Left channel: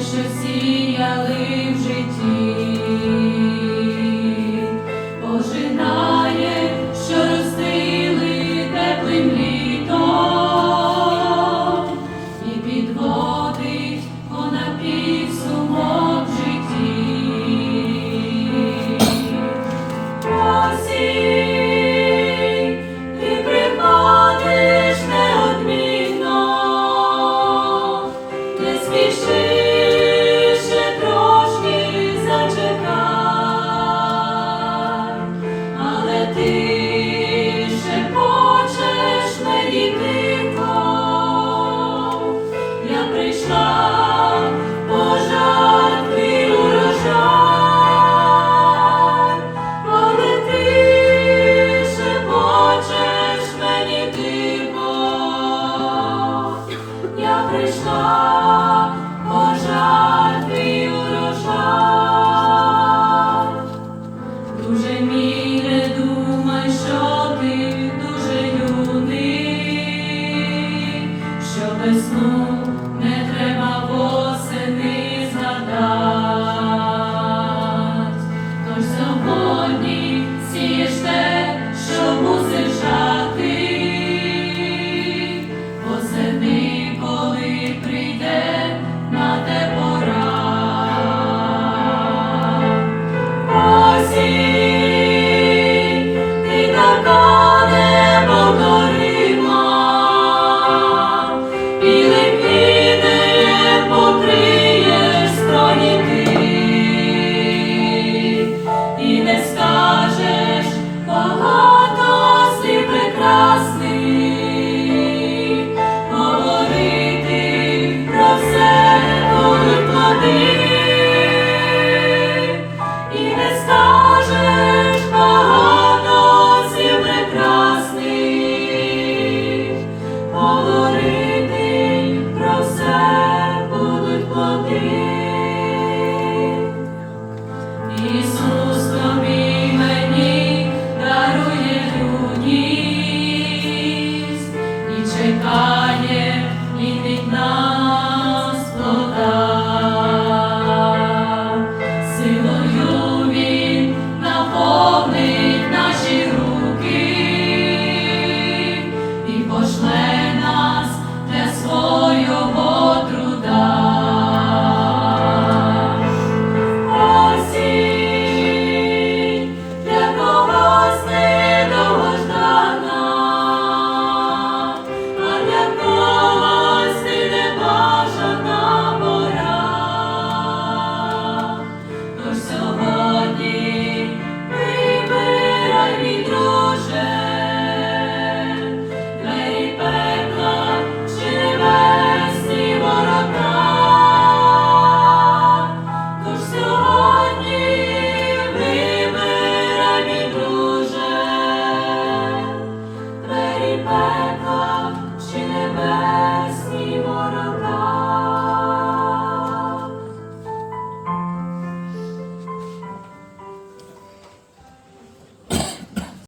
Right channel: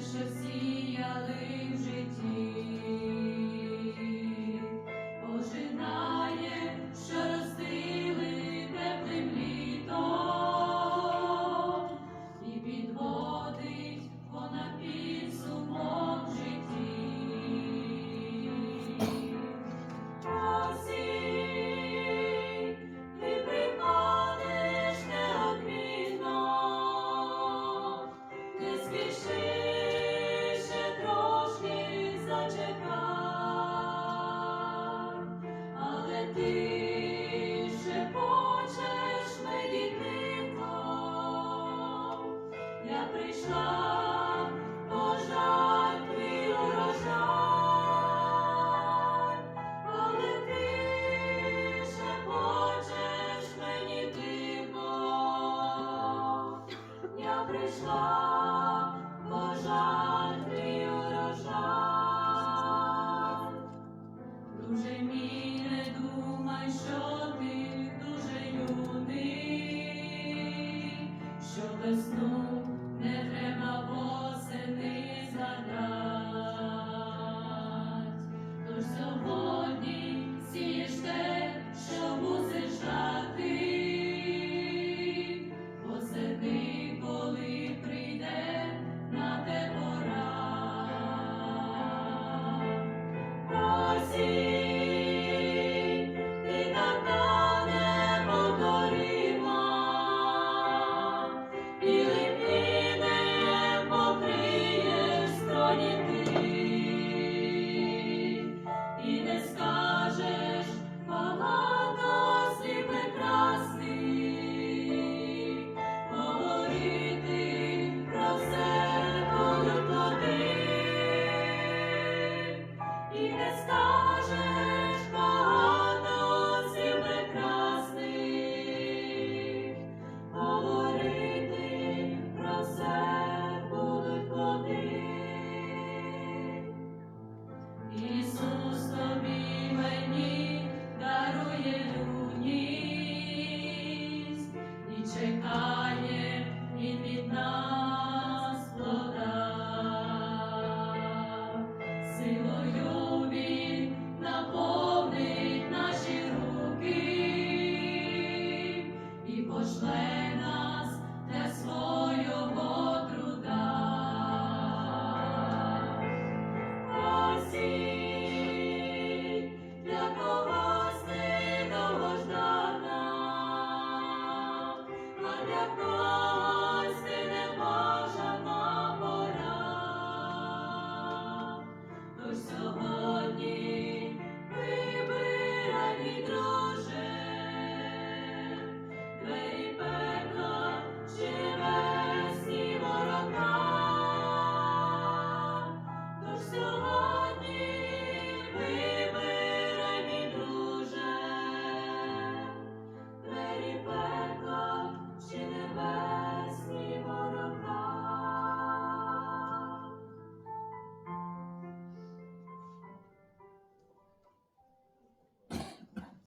що сіяли. You.